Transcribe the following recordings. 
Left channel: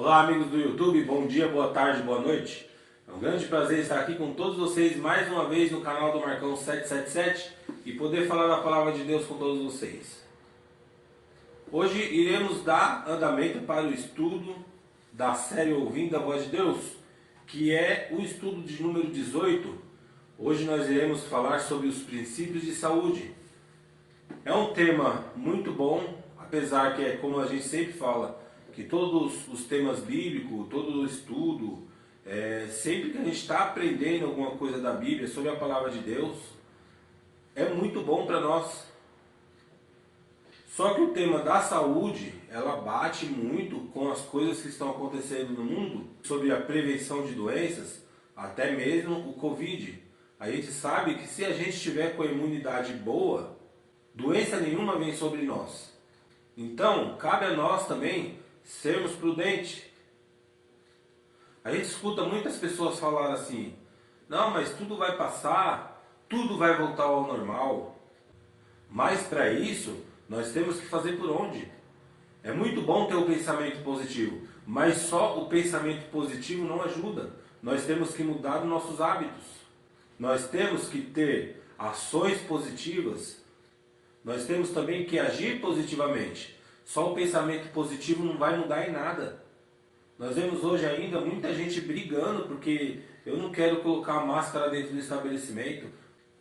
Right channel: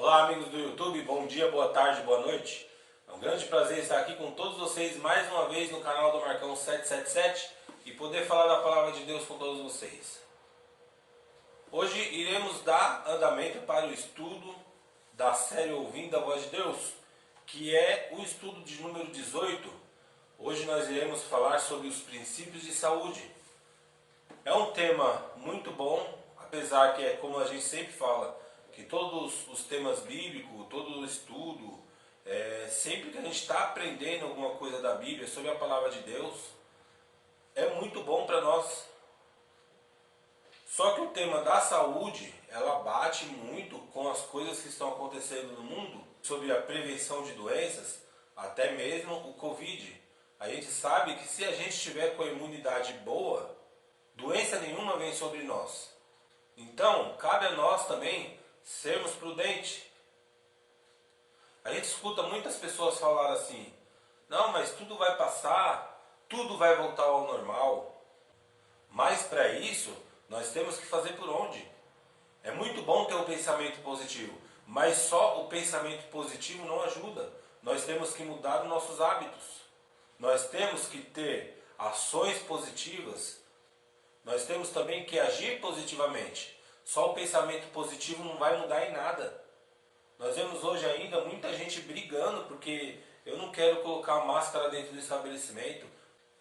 Olá amigos do YouTube, bom dia, boa tarde, boa noite. É um grande prazer estar aqui com todos vocês mais uma vez no canal do Marcão 777 e poder falar da Palavra de Deus com todos vocês. Hoje iremos dar andamento para o estudo da série Ouvindo a Voz de Deus, que é o estudo de número 18. Hoje nós iremos falar sobre os princípios de saúde. É um tema muito bom, apesar que é como a gente sempre fala, que todos os temas bíblicos, todo o estudo, sempre que a gente está aprendendo alguma coisa da Bíblia, sobre a Palavra de Deus, é muito bom para nós. Só que o tema da saúde, ela bate muito com as coisas que estão acontecendo no mundo, sobre a prevenção de doenças, até mesmo o Covid. A gente sabe que se a gente estiver com a imunidade boa, doença nenhuma vem sobre nós. Então, cabe a nós também sermos prudentes. A gente escuta muitas pessoas falar assim: não, mas tudo vai passar, tudo vai voltar ao normal. Mas para isso, nós temos que fazer por onde? É muito bom ter o pensamento positivo, mas só o pensamento positivo não ajuda. Nós temos que mudar os nossos hábitos. Nós temos que ter ações positivas. Nós temos também que agir positivamente. Só o pensamento positivo não vai mudar em nada. Nós vemos hoje ainda muita gente brigando porque eu não quero colocar máscara dentro do estabelecimento.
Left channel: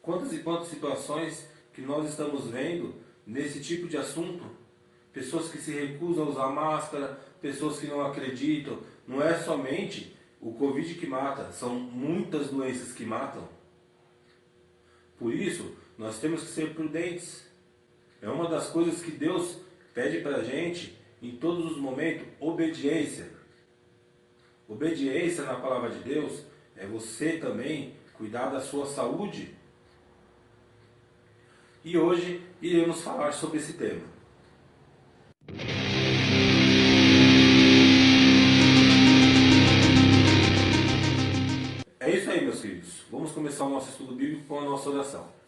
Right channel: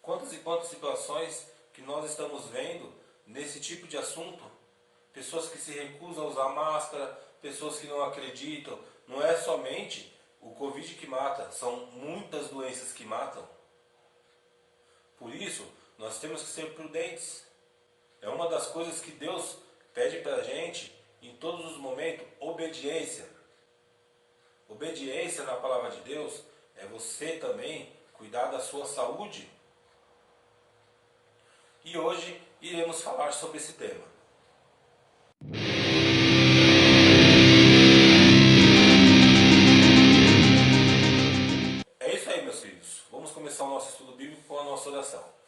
Quantas e quantas situações que nós estamos vendo nesse tipo de assunto. Pessoas que se recusam a usar máscara, pessoas que não acreditam. Não é somente o Covid que mata, são muitas doenças que matam. Por isso, nós temos que ser prudentes. É uma das coisas que Deus pede para a gente em todos os momentos: obediência. Obediência na palavra de Deus é você também cuidar da sua saúde. E hoje iremos falar sobre esse tema. É isso aí, meus filhos. Vamos começar o nosso estudo bíblico com a nossa oração.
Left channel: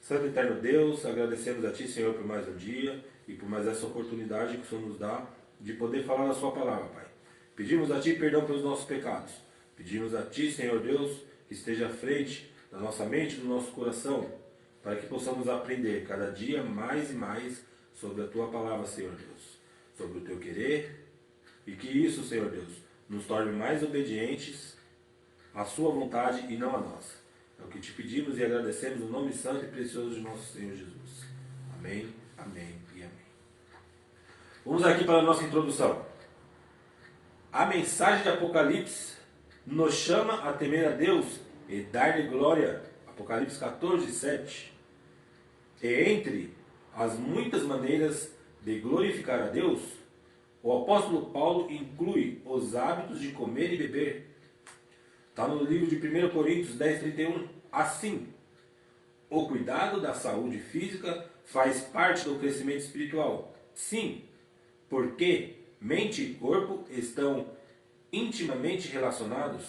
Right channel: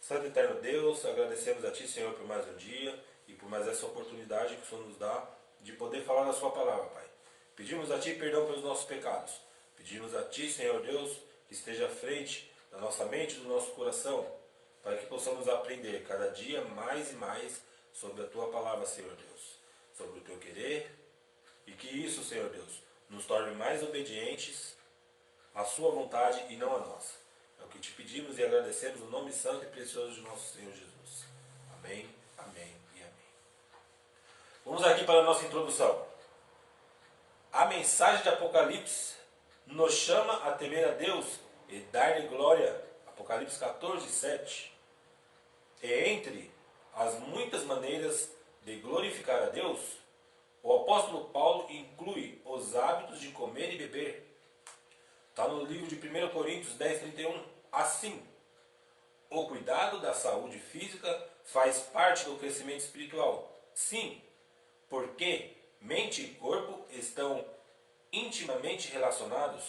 Santo e eterno Deus, agradecemos a Ti, Senhor, por mais um dia e por mais essa oportunidade que o Senhor nos dá de poder falar da Sua palavra, Pai. Pedimos a Ti perdão pelos nossos pecados. Pedimos a Ti, Senhor Deus, que esteja à frente da nossa mente e do nosso coração, para que possamos aprender cada dia mais e mais sobre a Tua palavra, Senhor Deus, sobre o Teu querer, e que isso, Senhor Deus, nos torne mais obedientes à Sua vontade e não a nossa. É o que te pedimos e agradecemos no nome santo e precioso de nosso Senhor Jesus. Amém, amém e amém. Vamos aqui para a nossa introdução. A mensagem de Apocalipse nos chama a temer a Deus e dar-lhe glória. Apocalipse 14, 7. E entre as muitas maneiras de glorificar a Deus, o apóstolo Paulo inclui os hábitos de comer e beber. Está no livro de 1 Coríntios 10, 31. Assim, o cuidado da saúde física faz parte do crescimento espiritual. Sim, porque mente e corpo estão intimamente relacionados.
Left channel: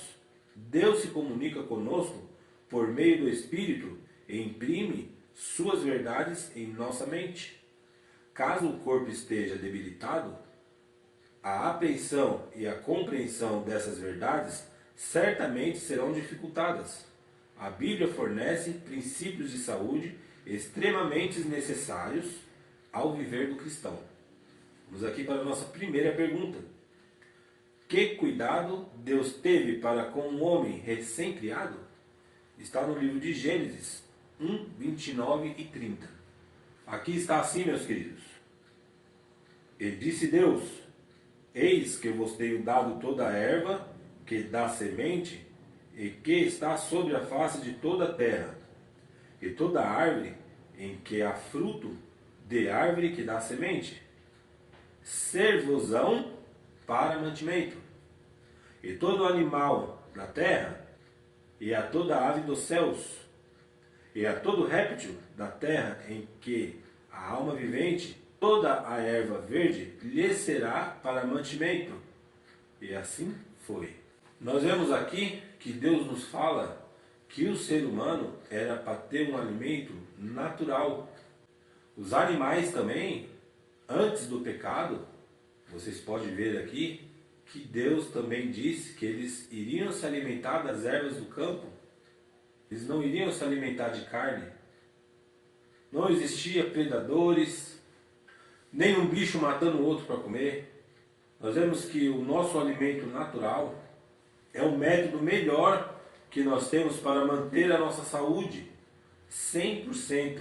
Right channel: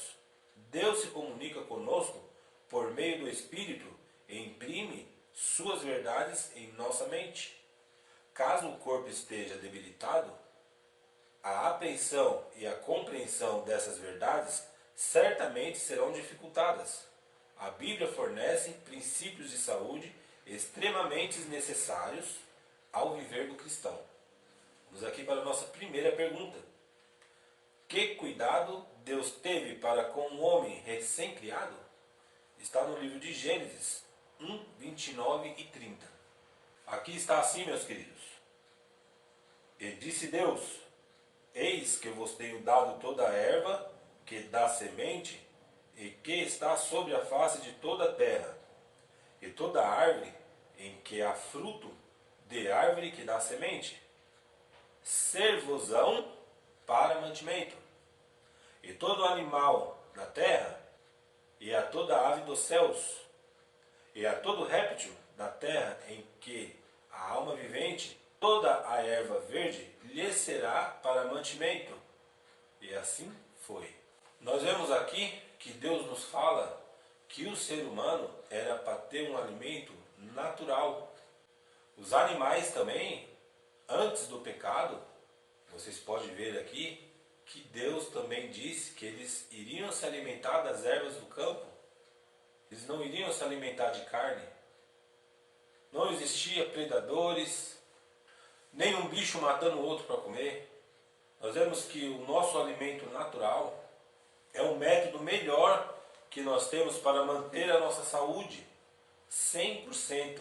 Deus se comunica conosco por meio do Espírito e imprime suas verdades em nossa mente. Caso o corpo esteja debilitado, a apreensão e a compreensão dessas verdades certamente serão dificultadas. A Bíblia fornece princípios de saúde extremamente necessários ao viver do cristão. Vamos aqui para a nossa primeira pergunta. Que cuidado Deus teve para com o homem recém-criado? Está no livro de Gênesis 1, 29 e 30. Aqui está assim, meus queridos. E disse Deus: eis que vos tenho dado toda a erva que dá semente e que está sobre a face de toda a terra, e toda árvore em que há fruto de árvore que dá semente, ser-vos-ão para mantimento, e todo animal da terra, e a toda ave dos céus, e a todo réptil da terra em que a alma vivente, toda a erva verde lhe será para mantimento. E assim foi. Nós vemos aqui que Deus nos fala que o ser humano era para ter um alimento natural. Os animais também, antes do pecado, vocês podem ver aqui que Deus também disse que eles iriam se alimentar das ervas do campo. Eles não iriam se alimentar de carne. Não existia predadores, nem um bicho matando o outro para comer. Nós vemos que o nosso alimento natural é o método melhor que nós temos para manter a nossa saúde 100%.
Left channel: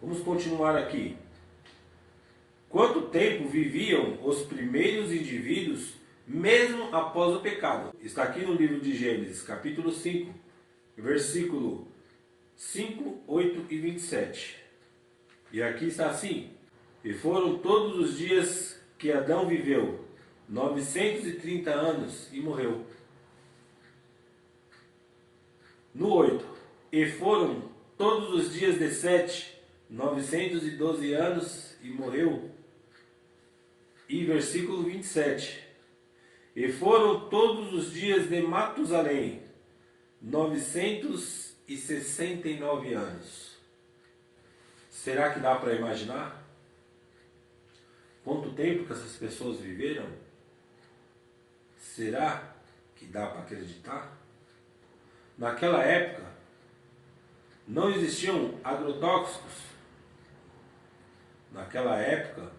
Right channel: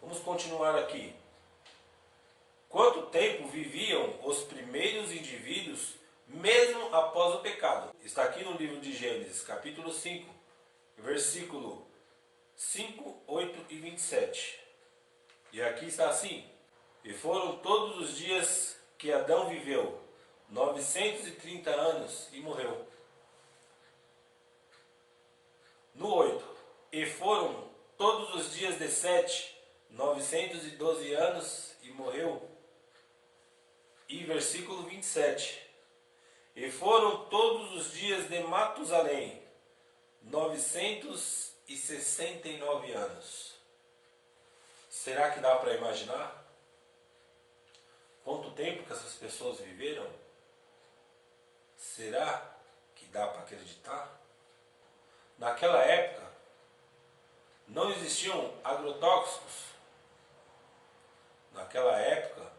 Vamos continuar aqui. Quanto tempo viviam os primeiros indivíduos mesmo após o pecado? Está aqui no livro de Gênesis, capítulo 5, versículo 5, 8 e 27. E aqui está assim: e foram todos os dias que Adão viveu, 930 anos, e morreu. No 8, e foram todos os dias de Sete, 912 anos, e morreu. E versículo 27, e foram todos os dias de Matusalém, 969 anos. Será que dá para imaginar quanto tempo que essas pessoas viveram? Será que dá para acreditar? Naquela época, não existiam agrotóxicos. Naquela época,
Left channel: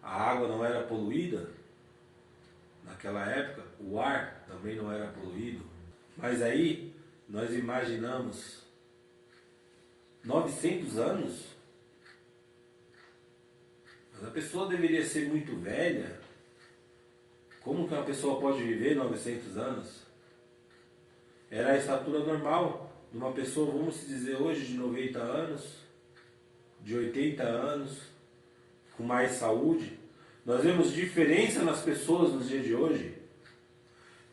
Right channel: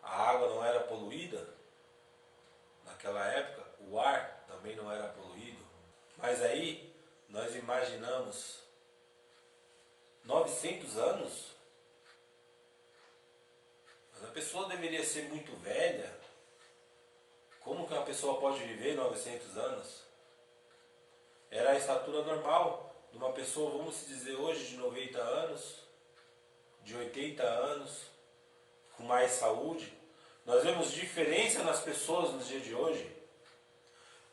a água não era poluída. Naquela época, o ar também não era poluído. Mas aí, nós imaginamos 900 anos? Mas a pessoa deveria ser muito velha. Como que uma pessoa pode viver 900 anos? Era a estatura normal de uma pessoa, vamos dizer hoje, de 90 anos, de 80 anos, com mais saúde. Nós vemos diferença nas pessoas nos dias de hoje.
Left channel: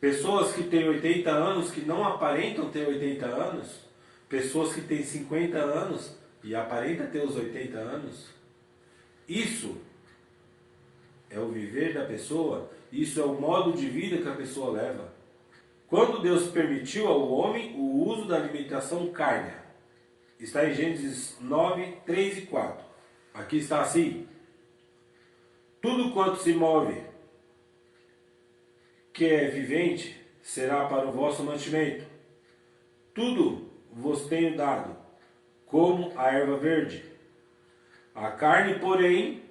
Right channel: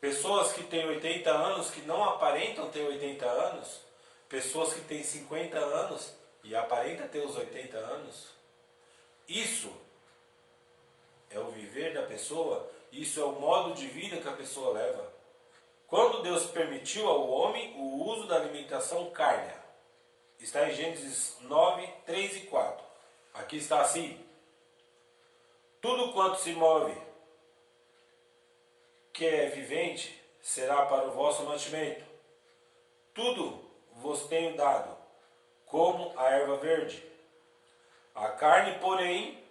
Pessoas que têm 80 anos, que não aparentam ter 80 anos. Pessoas que têm 50 anos e aparentam ter os 80 anos. Isso é o viver da pessoa, isso é o modo de vida que a pessoa leva. Quando Deus permitiu ao homem o uso da alimentação cárnea, está em Gênesis 9, 3 e 4. Aqui está assim: tudo quanto se move, que é vivente, será para o vosso mantimento. Tudo vos tenho dado, como a erva verde. A carne, porém,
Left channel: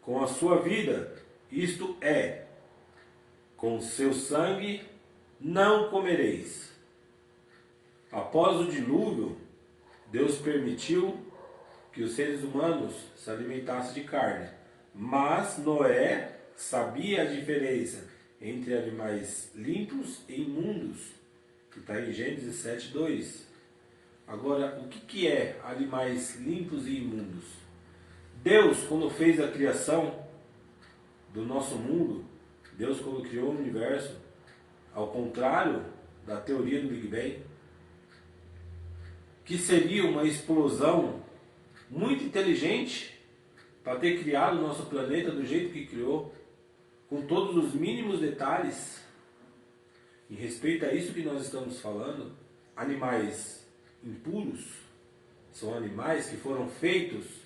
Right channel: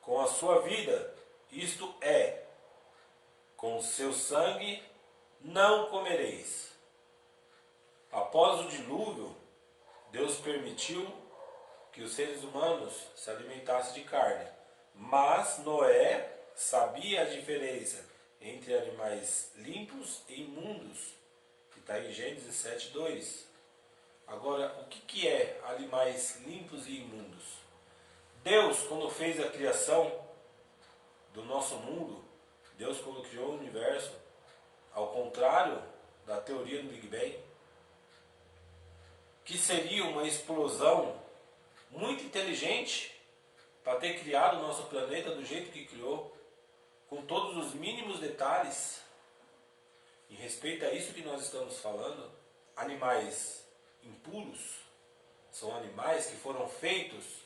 com a sua vida, isto é, com o seu sangue, não comereis. Após o dilúvio, Deus permitiu que os seres humanos se alimentassem de carne. Mas Noé sabia a diferença entre animais limpos e imundos, que está em Gênesis 7, 2. Agora, o que é animais limpos e imundos? Deus, quando fez a criação do nosso mundo, Deus, quando criou o universo, ao contrário da teoria do Big Bang, que seria uma explosão muito inteligente para ter criado o nosso planeta do jeito que criou, com todos os mínimos detalhes, em respeito a isso que nós estamos falando. Animais impuros são animais que foram feitos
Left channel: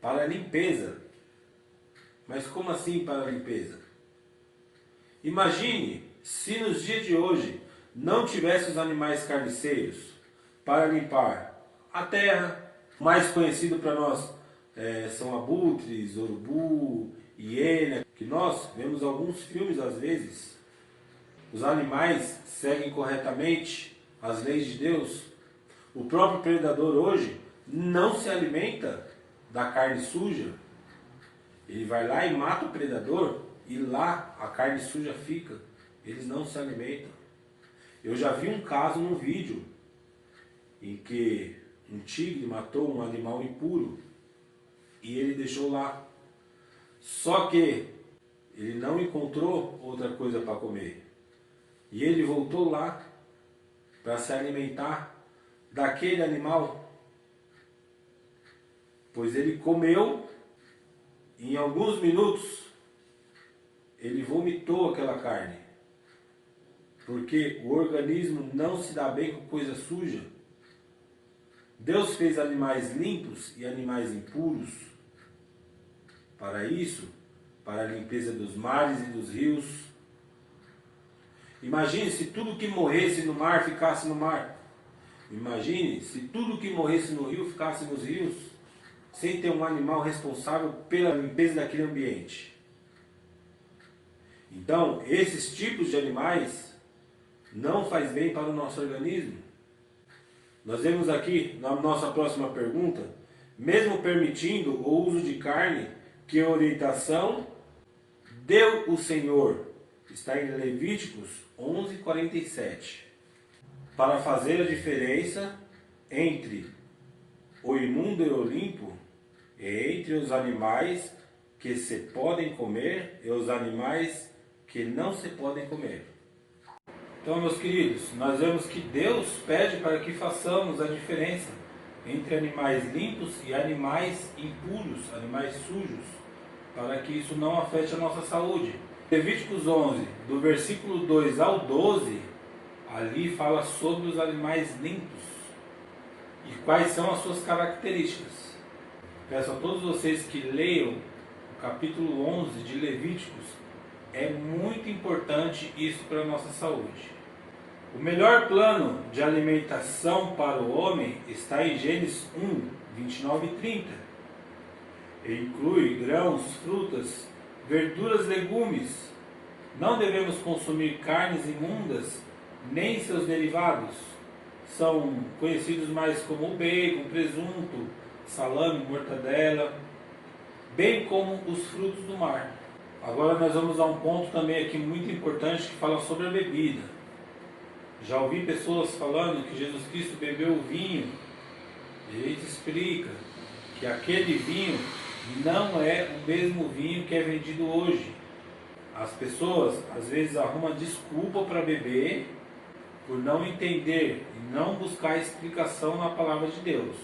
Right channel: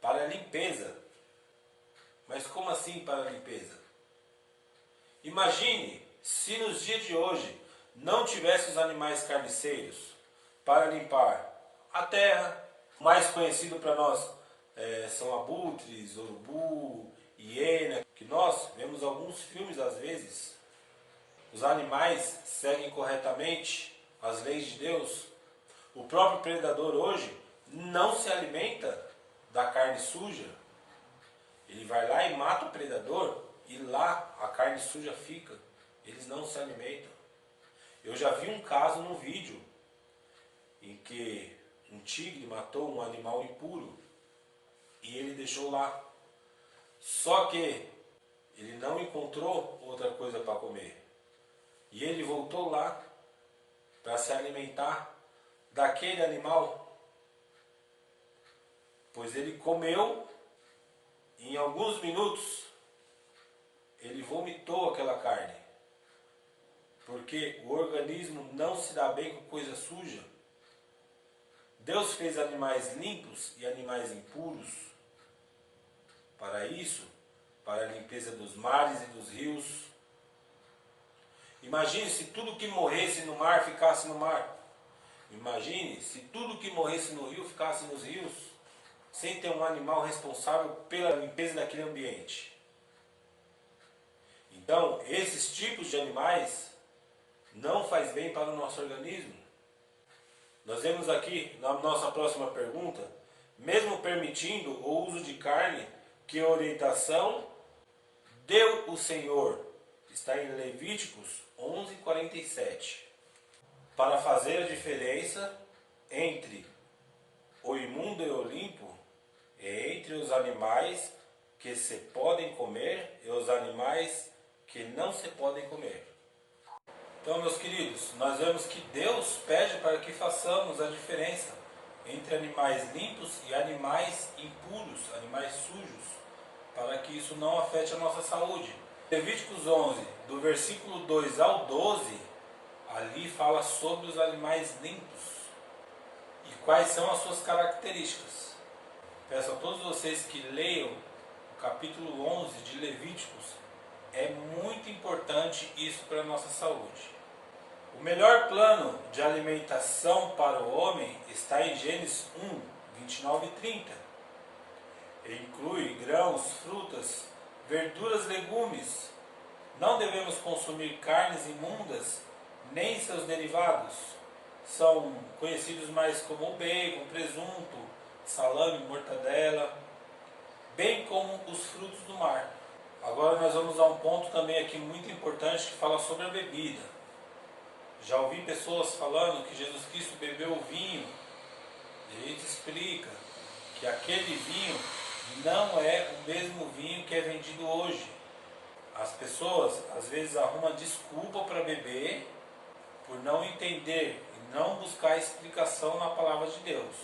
para a limpeza. Mas como assim para a limpeza? Imagine se nos dias de hoje não tivesse os animais carniceiros para limpar a terra. Mais conhecido para nós são abutres, urubu, hiena, que nós vemos alguns filmes às vezes. Os animais seguem corretamente as leis de Deus. O próprio predador hoje não se alimenta da carne suja. Ele vai lá e mata o predador e lá a carne suja fica. Eles não se alimentam. Eu já vi um caso num vídeo em que um tigre matou um animal impuro e ele deixou lá. Só que ele não encontrou outra coisa para comer. E ele voltou lá para se alimentar daquele animal. Pois ele comeu e em alguns minutos ele vomitou aquela carne. Porque o organismo não se dá bem com coisa suja. Deus fez animais limpos e animais impuros. Para isso, para a limpeza dos mares e dos rios. Imagine se tudo que morresse no mar ficasse no mar. Imagine se tudo que morresse no rio ficasse nos rios, sem ter um animal responsável pela limpeza daquele ambiente. Então, esses tipos de animais não faz bem para o nosso organismo. Nós vemos aqui, na nossa próxima pergunta, mesmo permitindo o uso de carne, que orientação deu o Senhor. Está em Levíticos 11:47. Para fazer a diferença entre o imundo e o limpo, e entre os animais que se podem comer e os animais que não se podem comer. Então, meus queridos, nós vemos que Deus pede para que façamos a diferença entre animais limpos e animais impuros, animais sujos, para que isso não afete a nossa saúde. Levíticos 11, do versículo 2 ao 12, ali fala sobre os animais limpos e quais são as suas características. Peço a todos vocês que leiam o capítulo 11 de Levíticos. É muito importante isso para a nossa saúde. O melhor plano de alimentação para o homem está em Gênesis 1, 29 e 30. Ele inclui grãos, frutas, verduras, legumes. Não devemos consumir carnes imundas, nem seus derivados. São conhecidos mais como bacon, presunto, salame, mortadela, bem como os frutos do mar. Agora nós vamos a um ponto também aqui muito importante que fala sobre a bebida. Já ouvi pessoas falando que Jesus Cristo bebeu vinho. Ele te explica que aquele vinho não é o mesmo vinho que é vendido hoje. As pessoas às vezes arrumam desculpa para beber por não entender e não buscar explicação na palavra de Deus.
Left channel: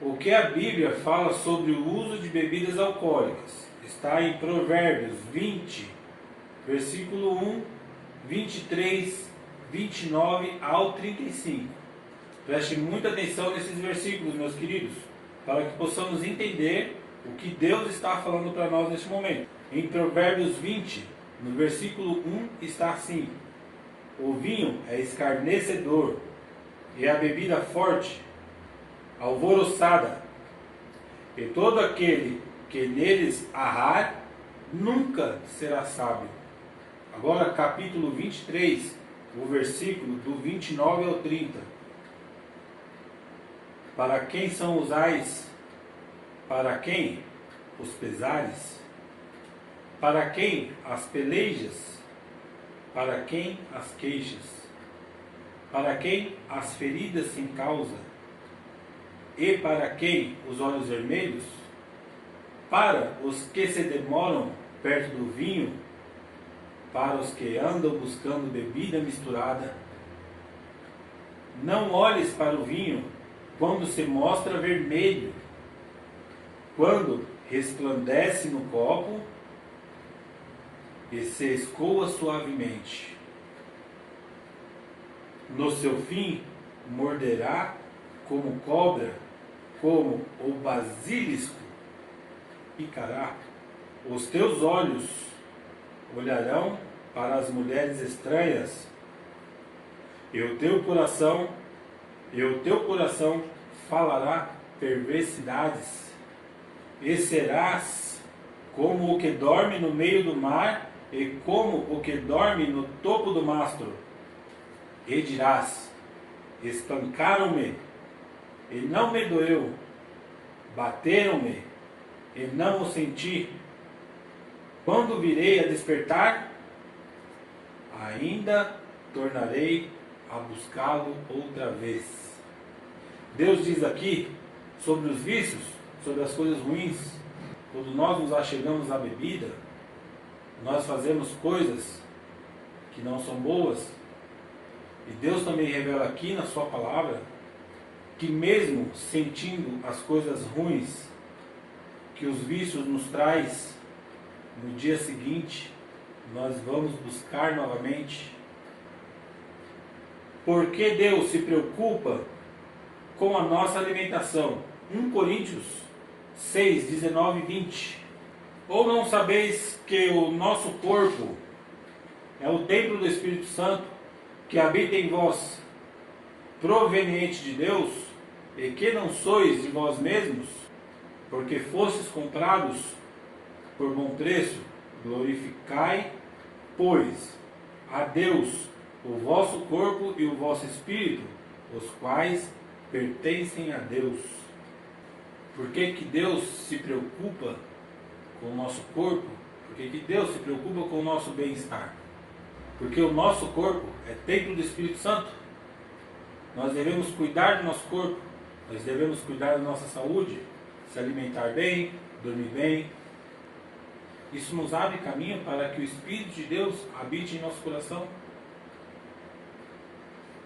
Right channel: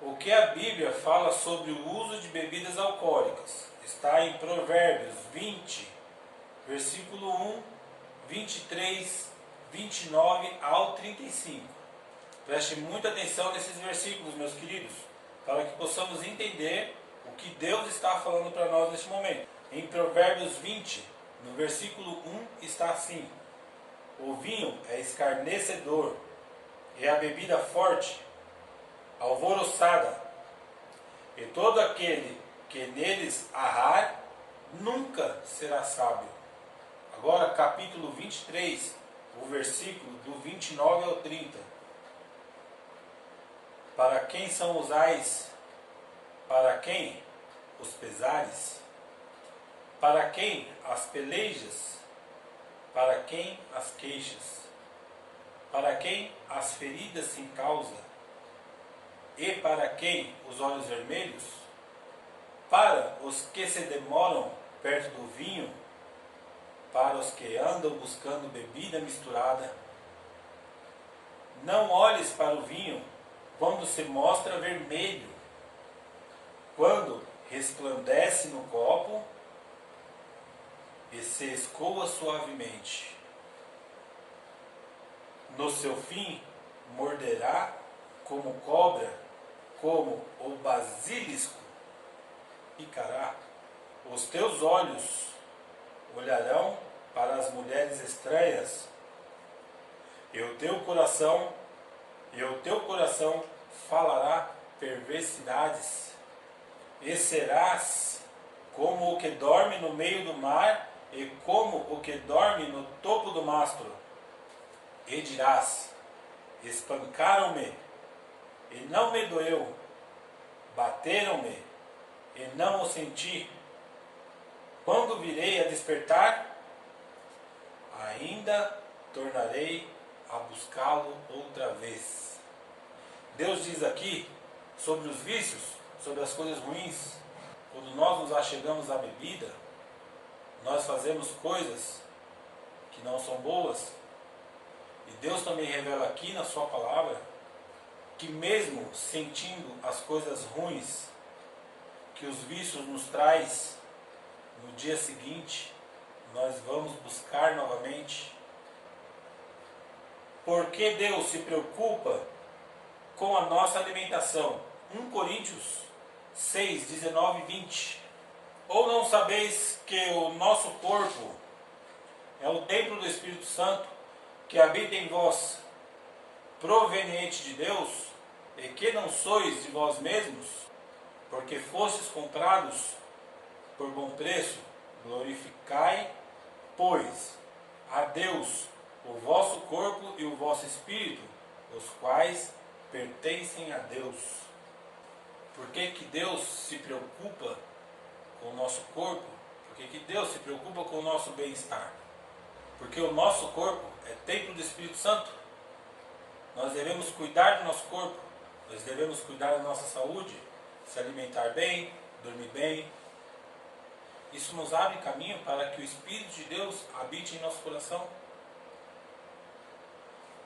O que a Bíblia fala sobre o uso de bebidas alcoólicas está em Provérbios 20, versículo 1, 23, 29 ao 35. Preste muita atenção nesses versículos, meus queridos, para que possamos entender o que Deus está falando para nós neste momento. Em Provérbios 20, no versículo 1, está assim: o vinho é escarnecedor, e a bebida forte, alvoroçada, e todo aquele que neles arrar, nunca será sábio. Agora, capítulo 23, o versículo do 29 ao 30. Para quem são os ais? Para quem os pesares? Para quem as pelejas? Para quem as queixas? Para quem as feridas sem causa? E para quem os olhos vermelhos? Para os que se demoram perto do vinho? Para os que andam buscando bebida misturada? Não olhes para o vinho quando se mostra vermelho, quando resplandece no copo e se escoa suavemente. No seu fim, morderá como cobra, como o basilisco picará. Os teus olhos olharão para as mulheres estranhas, e o teu coração falará perversidades, e serás como o que dorme no meio do mar, e como o que dorme no topo do mastro. E dirás: espancaram-me, e não me doeu, bateram-me, e não o senti. Quando virei a despertar, ainda tornarei a buscá-lo outra vez. Deus diz aqui sobre os vícios, sobre as coisas ruins. Quando nós nos achegamos à bebida, nós fazemos coisas que não são boas. E Deus também revela aqui na sua palavra que mesmo sentindo as coisas ruins que os vícios nos traz, no dia seguinte nós vamos buscar novamente. Porque Deus se preocupa com a nossa alimentação. 1 Coríntios 6, 19 e 20. Ou não sabeis que o nosso corpo é o templo do Espírito Santo, que habita em vós, proveniente de Deus, e que não sois de vós mesmos, porque fostes comprados por bom preço? Glorificai, pois, a Deus o vosso corpo e o vosso espírito, os quais pertencem a Deus. Por que que Deus se preocupa com o nosso corpo? Por que que Deus se preocupa com o nosso bem-estar? Porque o nosso corpo é templo do Espírito Santo. Nós devemos cuidar do nosso corpo, nós devemos cuidar da nossa saúde, se alimentar bem, dormir bem. Isso nos abre caminho para que o Espírito de Deus habite em nosso coração.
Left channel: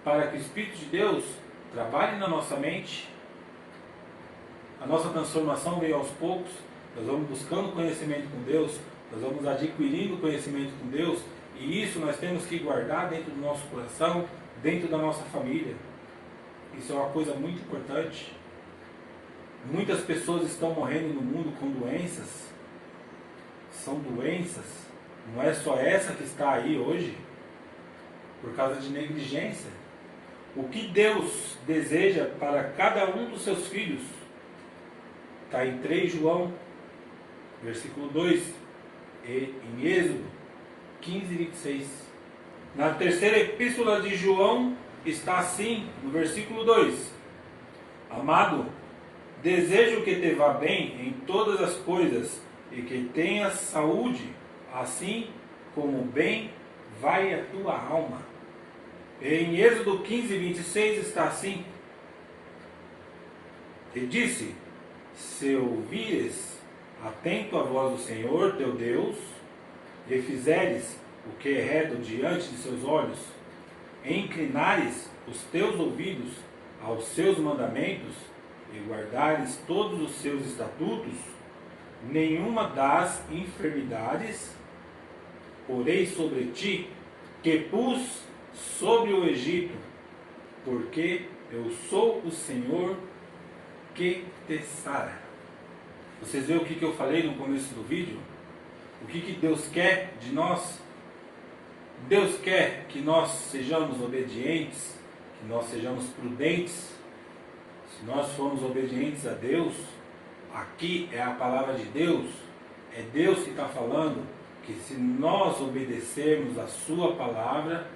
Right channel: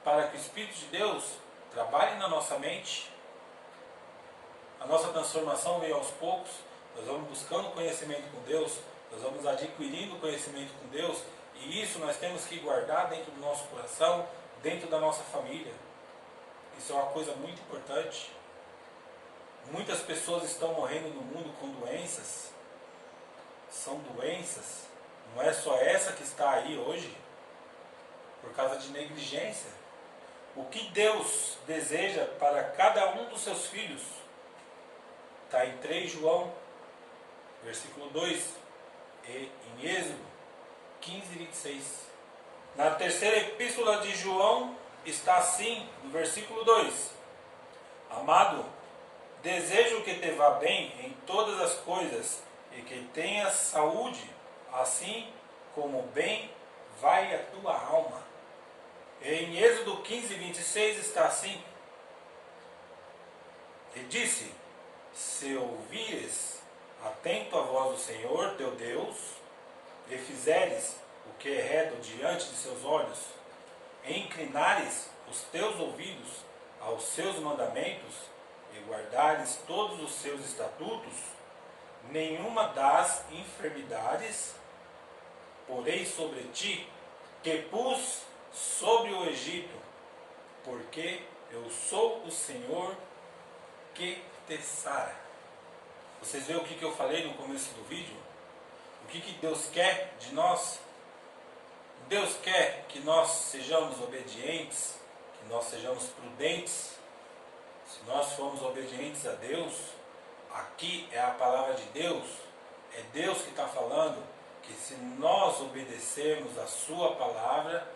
Para que o Espírito de Deus trabalhe na nossa mente. A nossa transformação vem aos poucos. Nós vamos buscando conhecimento com Deus, nós vamos adquirindo conhecimento com Deus, e isso nós temos que guardar dentro do nosso coração, dentro da nossa família. Isso é uma coisa muito importante. Muitas pessoas estão morrendo no mundo com doenças. São doenças, não é só essa que está aí hoje, por causa de negligência. O que Deus deseja para cada um dos seus filhos está em 3 João, versículo 2, e em Êxodo 15, 26. Na terceira epístola de João está assim, no versículo 2: Amado, desejo que te vá bem em todas as coisas e que tenhas saúde, assim como bem vai a tua alma. E em Êxodo 15, 26 está assim: E disse: Se ouvires atento a voz do Senhor teu Deus, e fizeres o que é reto diante de seus olhos, e inclinares os teus ouvidos aos seus mandamentos, e guardares todos os seus estatutos, nenhuma das enfermidades porei sobre ti, que pus sobre o Egito, porque eu sou o Senhor que te sara. Vocês viram o que eu falei no começo do vídeo? O que Deus quer de nós? Deus quer que nós sejamos obedientes, que nós sejamos prudentes. Se nós formos obedientes a Deus, aqui é a palavra de Deus, é Deus que está falando, que se nós obedecermos a sua palavra,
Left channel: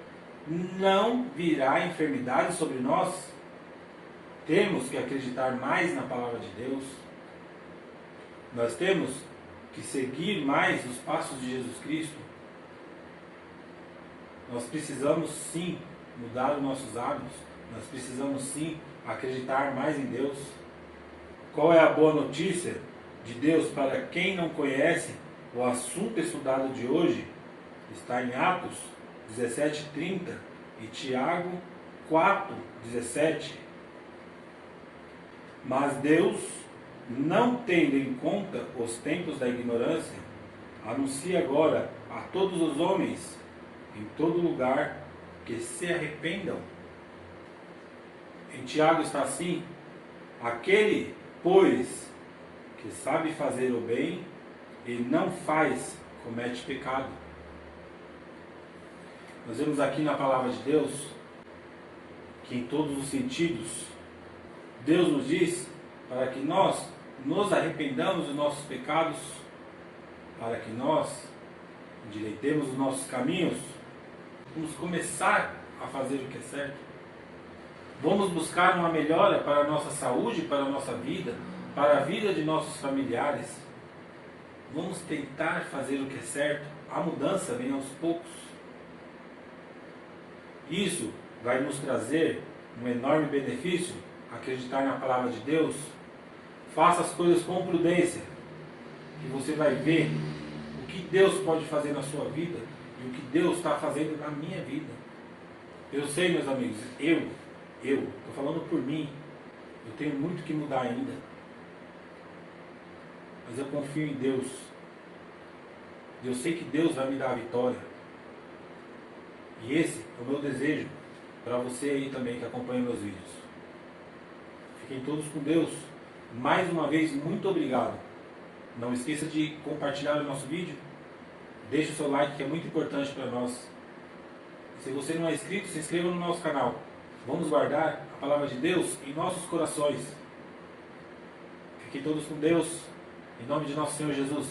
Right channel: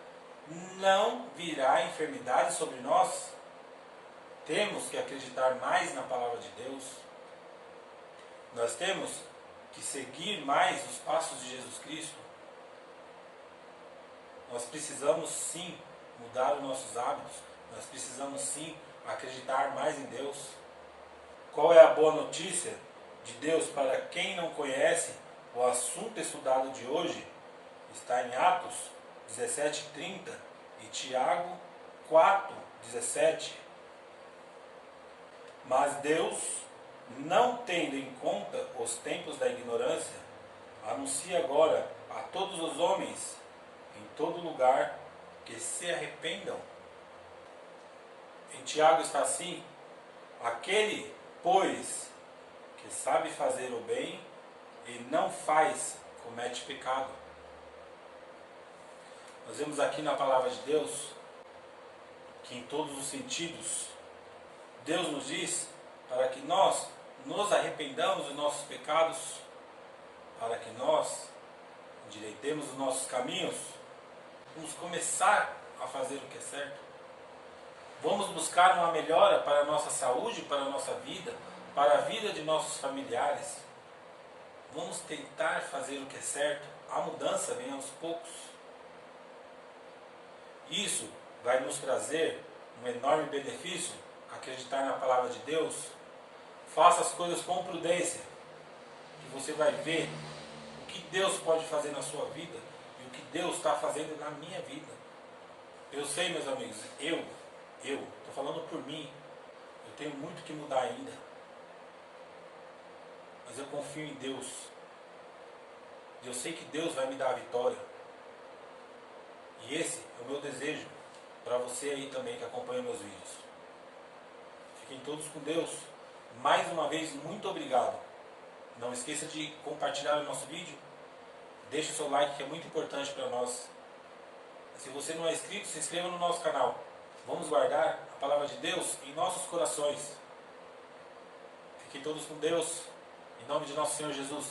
não virá enfermidade sobre nós. Temos que acreditar mais na palavra de Deus. Nós temos que seguir mais os passos de Jesus Cristo. Nós precisamos sim mudar os nossos hábitos. Nós precisamos sim acreditar mais em Deus. Qual é a boa notícia de Deus para quem não conhece? O assunto estudado de hoje está em Atos 17:30 e Tiago 4:17. Mas Deus, não tendo em conta os tempos da ignorância, anuncia agora a todos os homens, em todo lugar, que se arrependam. Em Tiago está assim: aquele, pois, que sabe fazer o bem e não faz, comete pecado. Nós vemos aqui na palavra de Deus que em todos os sentidos Deus nos diz para que nós nos arrependamos dos nossos pecados, para que nós endireitemos os nossos caminhos. Vamos começar a fazer o que é certo. Vamos buscar uma melhora para a nossa saúde, para a nossa vida, para a vida de nossos familiares. Vamos tentar fazer o que é certo. A mudança vem aos poucos. Isso vai nos trazer um enorme benefício. Acreditar na palavra de Deus. Faça as coisas com prudência, que você vai ver o que Deus pode fazer na sua vida e o que Deus está fazendo na minha vida. Eu sei, meus amigos, eu estou falando por mim, eu tenho muito que mudar ainda, mas eu confio em Deus. Eu sei que Deus vai me dar a vitória, e esse é o meu desejo para você aí também que acompanha meus vídeos. Fiquem todos com Deus. Mais uma vez, muito obrigado Não esqueça de compartilhar o nosso vídeo. Deixe o seu like, que é muito importante para nós. E se você não é inscrito, se inscreva no nosso canal. Vamos guardar a palavra de Deus em nossos corações. Fiquem todos com Deus. Em nome de nosso Senhor Jesus.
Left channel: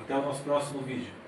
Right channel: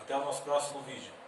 Até o nosso próximo vídeo.